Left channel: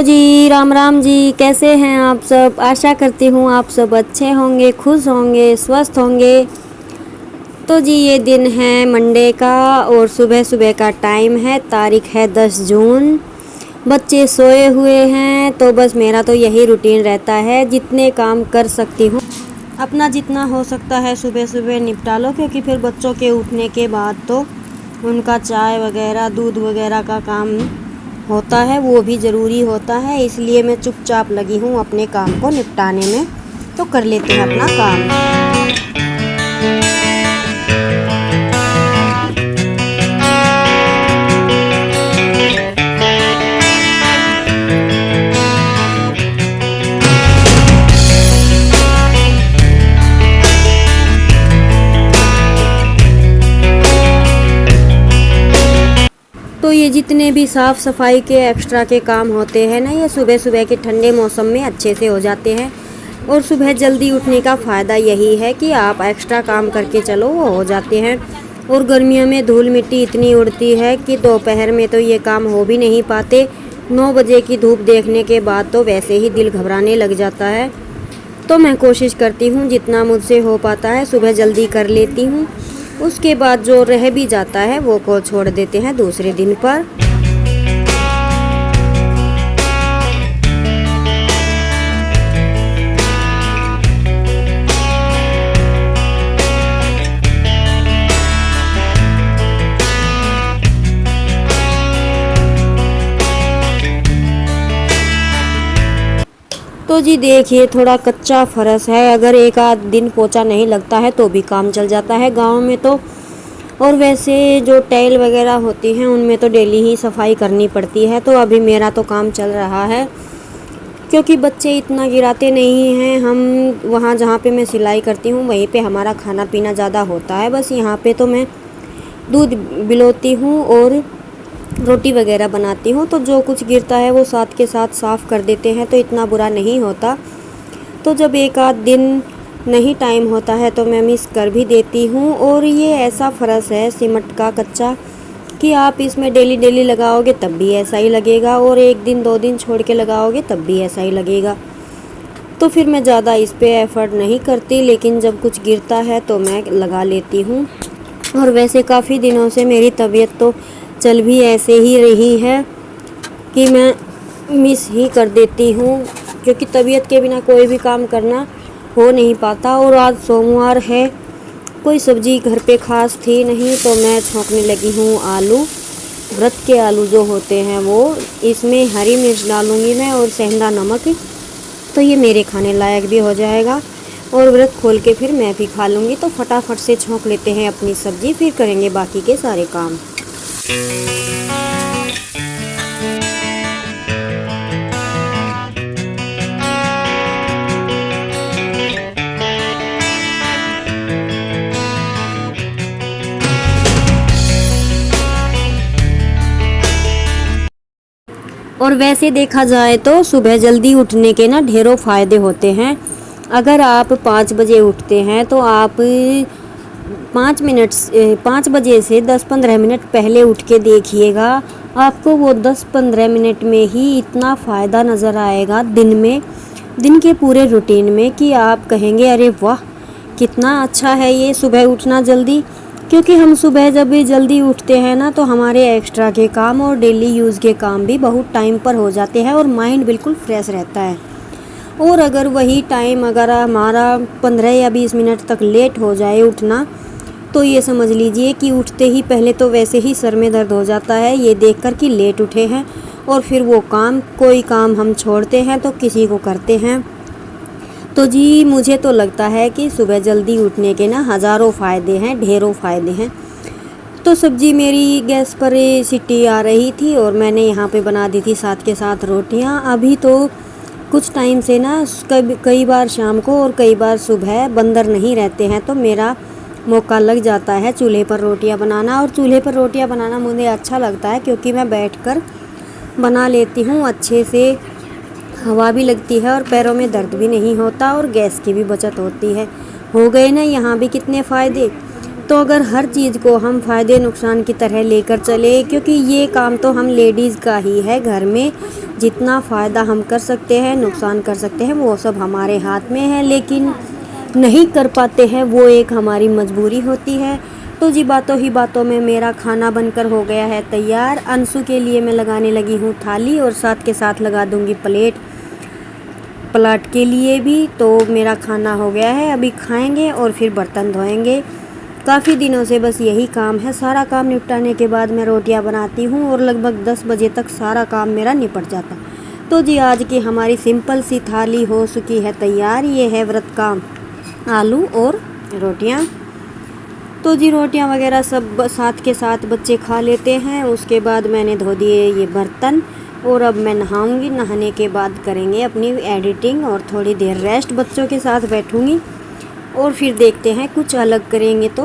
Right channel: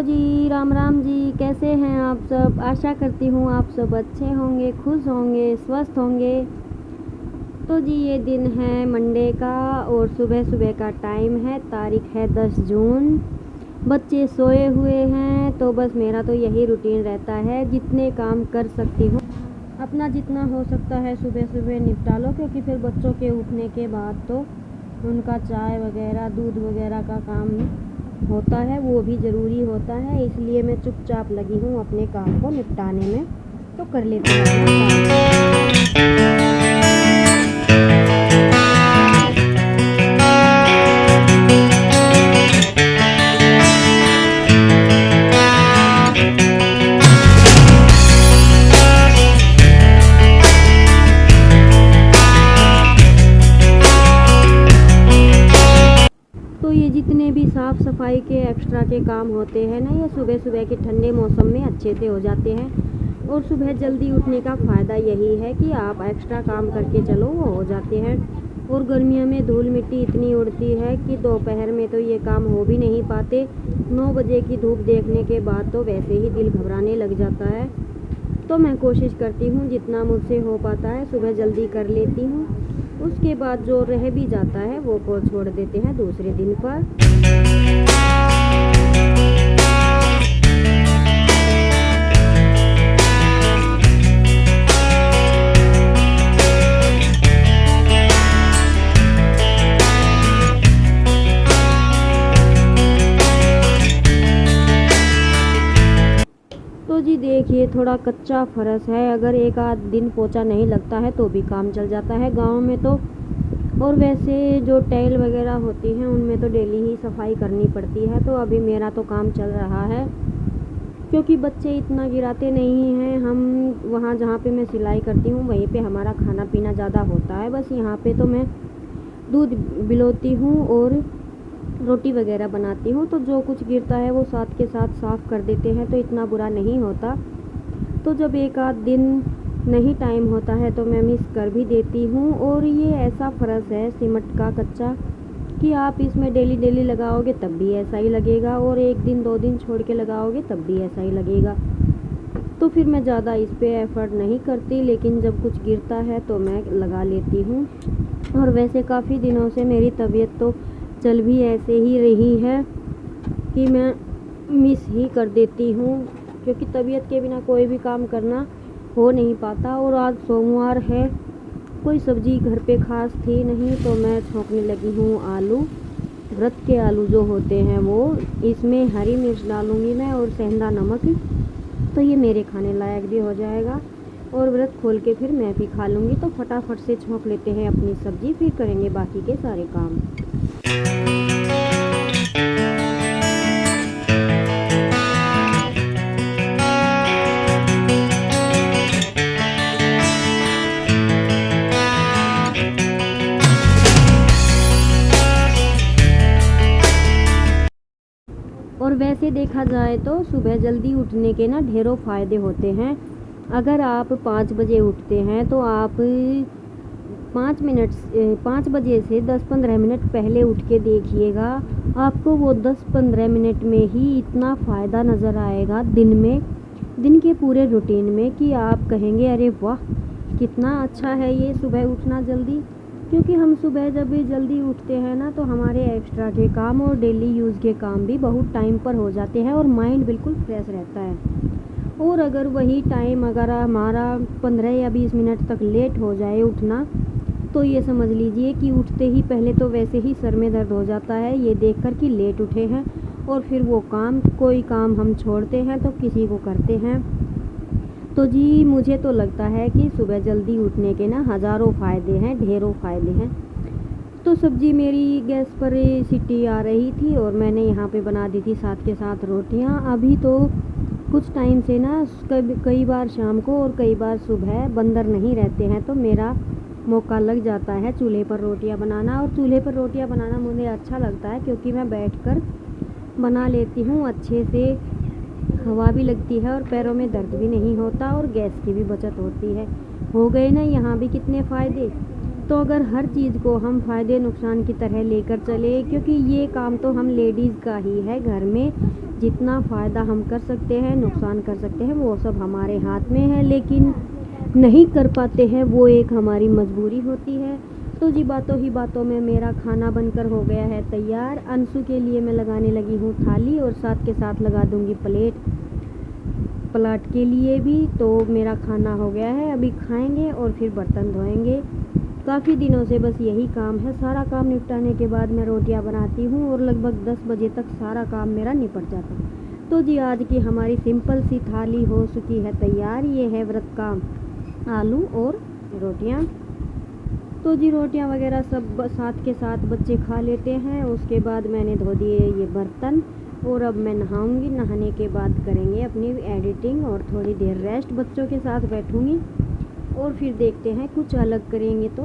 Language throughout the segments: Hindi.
हेलो जी, राम राम जी। कैसे हैं आप सब? आशा करती हूँ आप सब अच्छे होंगे, खुश होंगे, स्वस्थ होंगे। तो जी ये दिन है मंडे का और सुबह सुबह का टाइम है। तारीख है 10 जून। बच्चे सोए हुए हैं तो बस मेरा तो यही रूटीन रहता है, जितने काम कर सकती हूँ अपना जितना हो सकता है सुबह सुबह निपटा लो, क्योंकि फिर बच्चों के उठने के बाद तो उनका चाय वगैरह दूध वगैरह का काम होता है, वो भी ज़रूरी होता है। इसलिए मैं चुपचाप लगी हूँ अपने काम को निपटाने में। तो कर लेते हैं अपना काम। तो ये जितने भी साफ़ सफाई के एक्स्ट्रा के काम होते हैं ना, ये सुबह सुबह के ठंडे मौसम में अच्छे से हो जाते हैं। और सुबह जल्दी उठने का फ़ायदा यही है कि आप एक्स्ट्रा काम करके चलो, वो हो जाते हैं। और गर्मियों में धूल मिट्टी इतनी उड़ती है कि दोपहर में तो ये काम हो भी नहीं पाते। 9 बजे की धूप देखने के बाद तो वैसे ही दिल घबराने लग जाता है। तो मैं कोशिश करती हूँ जितना मुझसे हो पाता है सुबह जल्दी कर लेती हूँ। उसके बाद जो रह भी जाता है वो को छोड़ देते हैं दूसरे दिन पर। तो जी देखिए, थोड़ा कच्चा फर्श है, अगर एक आध दिन पोछा नहीं लगता है तो भी काम चल जाता है गांव में तो। और वैसे जो टाइल वगैरह होती हैं उनमें तो डेली ही सफाई करनी पड़ती है। तो अभी मेरा तो काम चल रहा है, क्योंकि बच्चे इतना गिराते नहीं हैं। हम वहाँ जहाँ पे मैं सिलाई करती हूँ वहीं पे हमारा खाना पीना ज़्यादा होता है। बस यहाँ पे तो मैं दूध बिलोती हूँ और रोटी वगैरह बनाती हूँ, तो जो कुछ गिरता है वो साथ के साथ साफ़ कर देते हैं, तो इतना बुरा नहीं होता। तो जब एक आध दिन नहीं टाइम होता है तो मैं मिस कर भी देती हूँ। और ये ऐसा फर्श है सीमेंट का कच्चा कि आप इसमें डेली डेली लगाओगे तब भी ऐसा ही लगेगा, और एक दिन 2 दिन छोड़ के लगाओगे तब भी ऐसा ही लगेगा। तो फिर मैं ज़्यादा इस पे एफ़र्ट नहीं करती, लेकिन जब कुछ गिरता है तो मैं लगा लेती हूँ। और वैसे काफ़ी दिनों से मेरी तबीयत तो चल भी ऐसे ही रही है कि मैं मिस ही कर देती हूँ, क्योंकि तबीयत के बिना कोई भी काम करना हो नहीं पाता। और आज सोमवार है, कोई सब्ज़ी घर पे खास थी नहीं, तो मैं छौंकने लगी हूँ आलू। व्रत के आलू जो होते हैं वो, इसमें हरी मिर्च डालूँगी मैं और सेंधा नमक, तो ये मेरे खाने लायक भी हो जाएगा। और व्रत खोल के फिर मैं भी खा लूँगी। तो फटाफट से छौंक लेते हैं अपनी सब्ज़ी, फिर करेंगे बाकी के सारे काम। और वैसे देखा जाए तो सुबह जल्दी उठने के ना ढेरों फ़ायदे होते हैं। अगर आप 5 बजे उठते हैं तो आप 5 बजे से 10-15 मिनट पहले उठ के देखिएगा, आपको वो 10-15 मिनट में ही इतना फ़ायदा नज़र आएगा दिन के पूरे रूटीन में, कि आप कहेंगे अरे वाह कितना अच्छा है ये सुबह उठना जल्दी। क्योंकि हम सुबह जब भी जल्दी उठते हैं ना, तो हमारे एक्स्ट्रा के काम और डेली यूज़ के काम भी बहुत टाइम पर हो जाते हैं और माइंड बिल्कुल फ्रेश रहता है। और अगर वही टाइम अगर हमारा 15 या 20 मिनट तक लेट हो जाए उठना, तो ये समझ लीजिए कि उठते ही पहले तो वैसे ही सर में दर्द हो जाता है ये देखकर कि लेट उठे हैं, और फिर वो कोई काम हम छोड़ते हैं तो किसी को करते हैं। तो जी मुझे तो लगता है कि सुबह जल्दी उठने के ना हज़ारों फ़ायदे हैं, ढेरों फ़ायदे हैं। तो सब्ज़ी मेरी गैस पर सीटी आ रही थी और मैंने यहाँ पे बना दी थी साथ के साथ रोटियाँ। अभी तो कुछ टाइम से ना कई बार शाम को और कई बार सुबह बंदर नहीं रहते हैं, तो मेरा मौका लग जाता है चूल्हे पर रोटियाँ बनाना। और चूल्हे पर रोटियाँ बनाना मुझे अच्छा लगता है, क्योंकि मैं बैठकर बना लेती हूँ अच्छे से, हवा भी लगती है और पैरों में दर्द भी नहीं होता और गैस की भी बचत होती है। हो गए ना यहाँ भी कितने फ़ायदे। तो अगर हर चीज़ को हम फ़ायदे नुकसान की तरह लेकर चले, क्योंकि ये काम तो हम लेडीज़ का ही है, घर में जितना फ़ायदा हम कर सकते हैं, नुकसान कर सकते हैं, वो सब हमारे हाथ में है, लेकिन नहीं कर पाते हैं, वो एक हमारी मजबूरी होती है। तो जी बातों ही बातों में मेरा खाना बनकर हो गया है तैयार। अंशु के लिए मैं लगाने लगी हूँ थाली और साथ के साथ लगा दूँगी प्लेट, पलाट के लिए भी। तो मेरा खाना हो गया है, अभी खाएंगे और फिर बर्तन धोएंगे। काफ़ी दिनों से बस यही काम है। सारा काम निपटाने के बाद मैं रोटियां बनाती हूँ और लगभग 10 बजे तक सारा काम मेरा निपट जाता। तो जी आज की हमारी सिंपल सी थाली हो चुकी है तैयार। ये है व्रत का आलू और रोटियां। तो जी रोटियां वगैरह सब साथ के साथ बच्चे खा लेते हैं। उसके बाद मैंने धो दिए ये बर्तन और अब मैं नहाऊंगी। नहाने के बाद करेंगे अपनी एडिटिंग और थोड़ी देर रेस्ट, बच्चों के साथ बैठूंगी और फिर देखते हैं कुछ अलग करेंगे तो।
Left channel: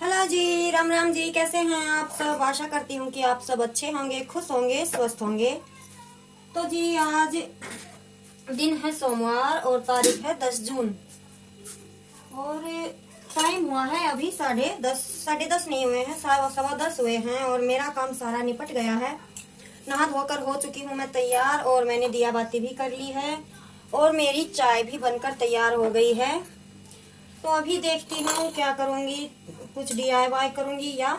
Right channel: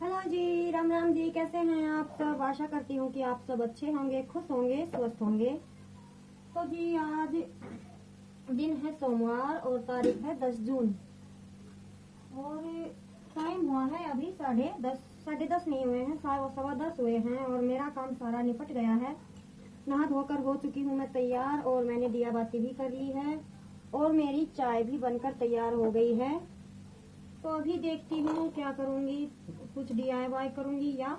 हेलो जी, राम राम जी, कैसे हैं आप सब? आशा करती हूँ कि आप सब अच्छे होंगे, खुश होंगे, स्वस्थ होंगे। तो जी आज दिन है सोमवार और तारीख है 10 जून और टाइम हुआ है अभी 10:30 नहीं हुए हैं, 10:15 हुए हैं और मेरा काम सारा निपट गया है। नहा धोकर हो चुकी हूँ मैं तैयार और मैंने दिया बाती भी कर ली है और मेरी चाय भी बनकर तैयार हो गई है। तो अभी देखती हूँ क्या करूँगी, कुछ DIY करूँगी या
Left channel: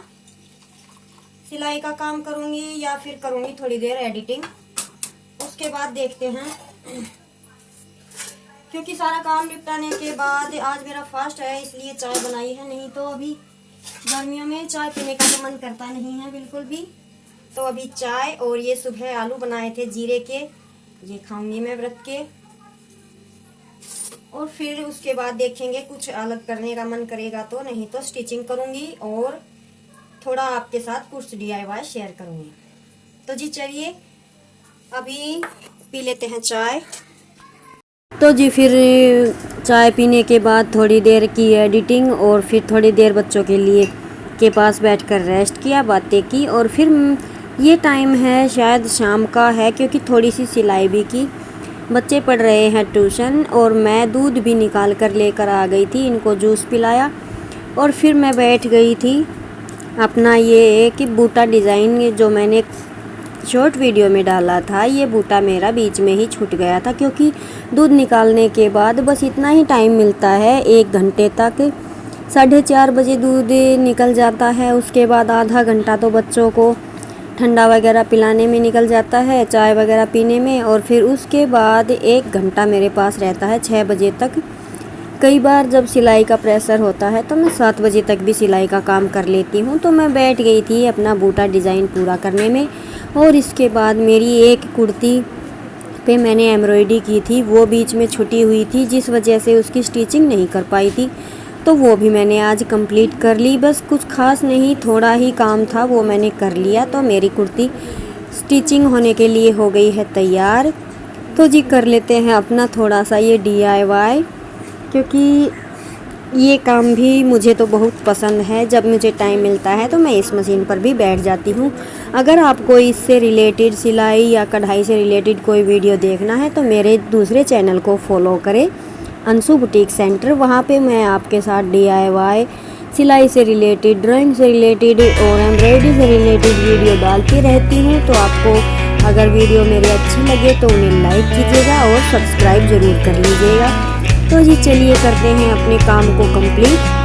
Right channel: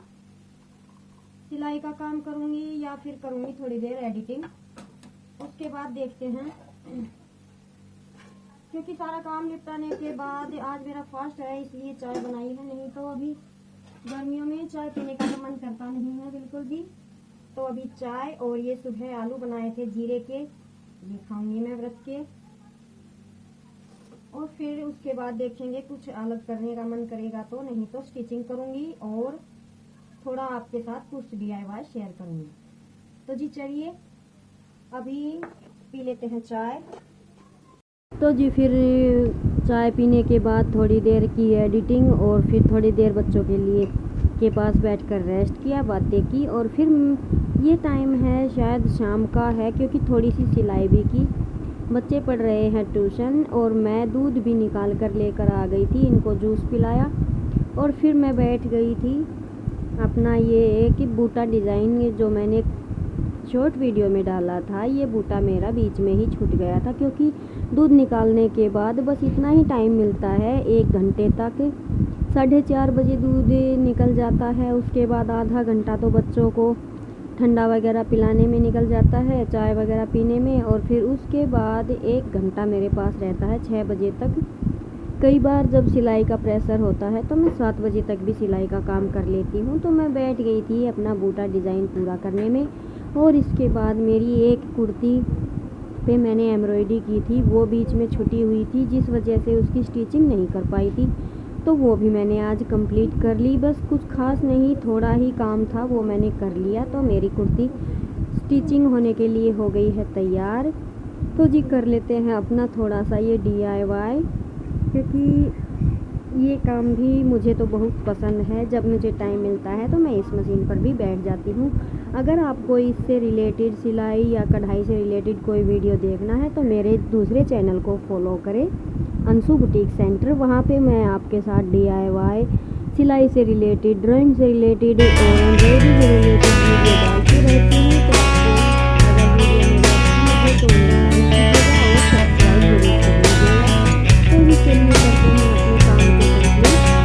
सिलाई का काम करूँगी या फिर करूँगी थोड़ी देर एडिटिंग। उसके बाद देखते हैं, क्योंकि सारा काम निपटाने के बाद आज मेरा फास्ट है इसलिए चाय बनाई है, नहीं तो अभी गर्मियों में चाय पीने का तो मन करता नहीं है बिल्कुल भी। तो अभी चाय और ये सुबह आलू बनाए थे जीरे के, ये खाऊंगी मैं व्रत के। और फिर उसके बाद देखेंगे कुछ अलग करने का मन करेगा तो, नहीं तो स्टिचिंग करूँगी और थोड़ा आपके साथ कुछ DIY शेयर करूँगी। तो जी चलिए अभी पी लेते हैं चाय। तो जी फिर चाय पीने के बाद थोड़ी देर की एडिटिंग और फिर थोड़ी देर बच्चों के पास बैठकर रेस्ट किया, बातें की और फिर ये टाइम है शायद शाम का है, क्योंकि थोड़ी सी सिलाई भी की। बच्चे पढ़ रहे हैं ट्यूशन और मैं दूध भी निकाल कर लेकर आ गई थी, इनको जूस पिलाया और फिर मैं बैठ गई थी अपना ये कि बूटा डिज़ाइन जो मैंने शॉर्ट वीडियो में डाला था, ये बूटा मेरा बीच में ही छूट गया था, क्योंकि दूध निकालने के बाद बस इतना ही टाइम मिलता है 1 घंटे तक। 4:30 बजे दूध निकल जाता है, उसके बाद आधा घंटा तो बच्चों को ठंडा वगैरह पिलाने में निकल जाता है, चाय वगैरह पीने में, और फिर उसके बाद 1 घंटा मेरे पास रहता है 6 बजे तक। कई बार जब सिलाई का प्रेशर होता है तो मैं 7 बजे तक भी सिलाई का काम कर लेती हूँ। तो मैं बैठ गई थी अपना बूटा डिज़ाइन पूरा करने में और इसके बाद मेरी एक कुर्ती पे मैंने एम्ब्रॉयडरी की थी, वो बीच में छुटी हुई थी जिस वजह से उसकी स्टिचिंग नहीं कर पाई थी, तो वो भी मैंने आज कंप्लीट कर ली। बस कुछ खास नहीं, थोड़ा ही काम था, वो मैंने कर लिया। तो मेरी कुर्ती स्टिचिंग होने के लिए हो गई है तैयार। तो जी कर लेते हैं अपना थोड़ा सा ये DIY, क्योंकि ये काम भी मुझे तो बहुत पसंद है। जब मुझे टाइम मिलता है तो मैं इस मशीन पर भी बैठ जाती हूँ। अगर आपको इससे रिलेटेड सिलाई या कढ़ाई से रिलेटेड कोई वीडियो देखना है तो मेरे दूसरे चैनल को फॉलो करें, अंशु बुटीक सेंटर। वहाँ पे मैं आपके साथ DIY, सिलाई से रिलेटेड, ड्राइंग से रिलेटेड और एम्ब्रॉयडरी से रिलेटेड वीडियो डालती रहती हूँ। तो आपको अगर वीडियो मेरी अच्छी लगे तो उन्हें लाइक कीजिएगा और सब्सक्राइब ज़रूर कर लीजिएगा। तो जी चलिए करते हैं अपने काम को कंप्लीट।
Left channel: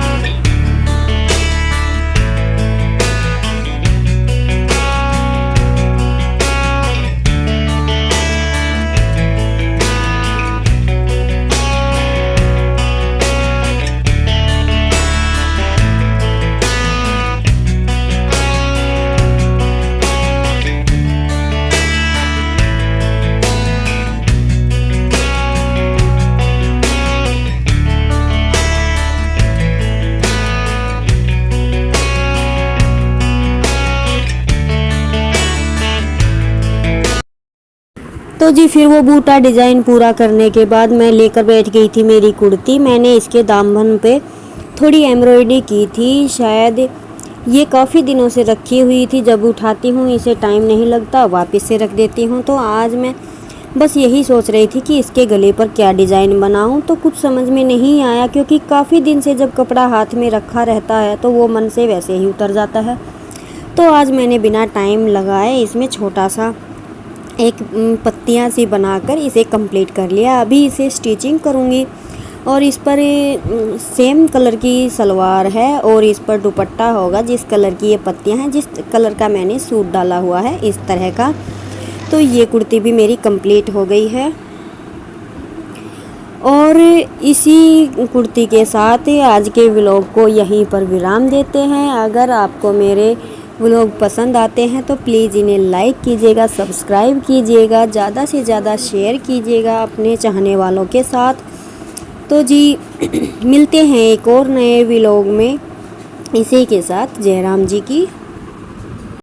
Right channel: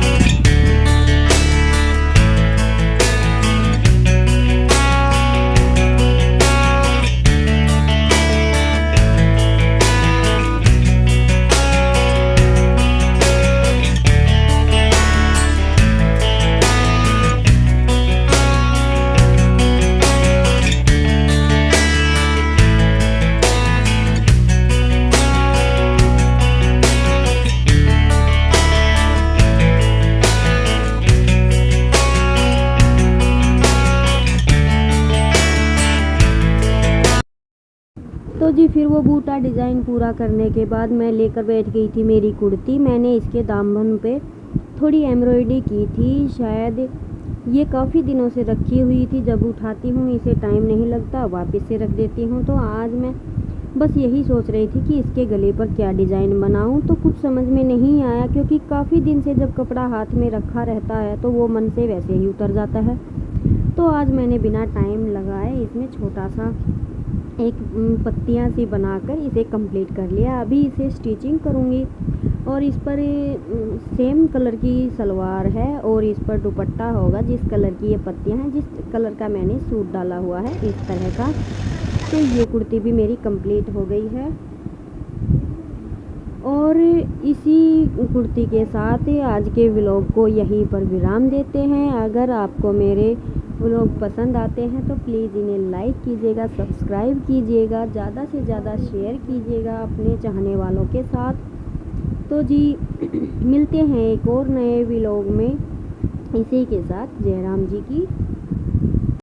तो जी फिर वो बूटा डिज़ाइन पूरा करने के बाद मैं लेकर बैठ गई थी मेरी कुर्ती। मैंने इसके दामन पे थोड़ी एम्ब्रॉयडरी की थी। शायद ये काफ़ी दिनों से रखी हुई थी, जब उठाती हूँ इसे टाइम नहीं लगता, वापस से रख देती हूँ। तो आज मैं बस यही सोच रही थी कि इसके गले पर क्या डिज़ाइन बनाऊँ, तो कुछ समझ में नहीं आया, क्योंकि काफ़ी दिन से जब कपड़ा हाथ में रखा रहता है तो वो मन से वैसे ही उतर जाता है। तो आज मैंने बिना टाइम लगाए इसमें छोटा सा एक पत्तियां सी बनाकर इसे कंप्लीट कर लिया। अभी इसे स्टिचिंग करूँगी और इस पर सेम कलर की सलवार है और इस पर दुपट्टा होगा जिस कलर की ये पत्तियां हैं, जिस कलर का मैंने सूट डाला हुआ है इस तरह का। तो ये कुर्ती भी मेरी कंप्लीट हो गई है और इसी कुर्ती के साथ आज के व्लॉग को यहीं पर विराम देते हैं। अगर आपको मेरे व्लॉग पसंद आते हैं तो प्लीज़ इन्हें लाइक कीजिएगा, सब्सक्राइब कीजिएगा, ज़्यादा से ज़्यादा शेयर कीजिएगा अपने चाहने वालों के साथ। तो जी मिलते हैं एक और नए व्लॉग में। इसी के साथ जयराम जी की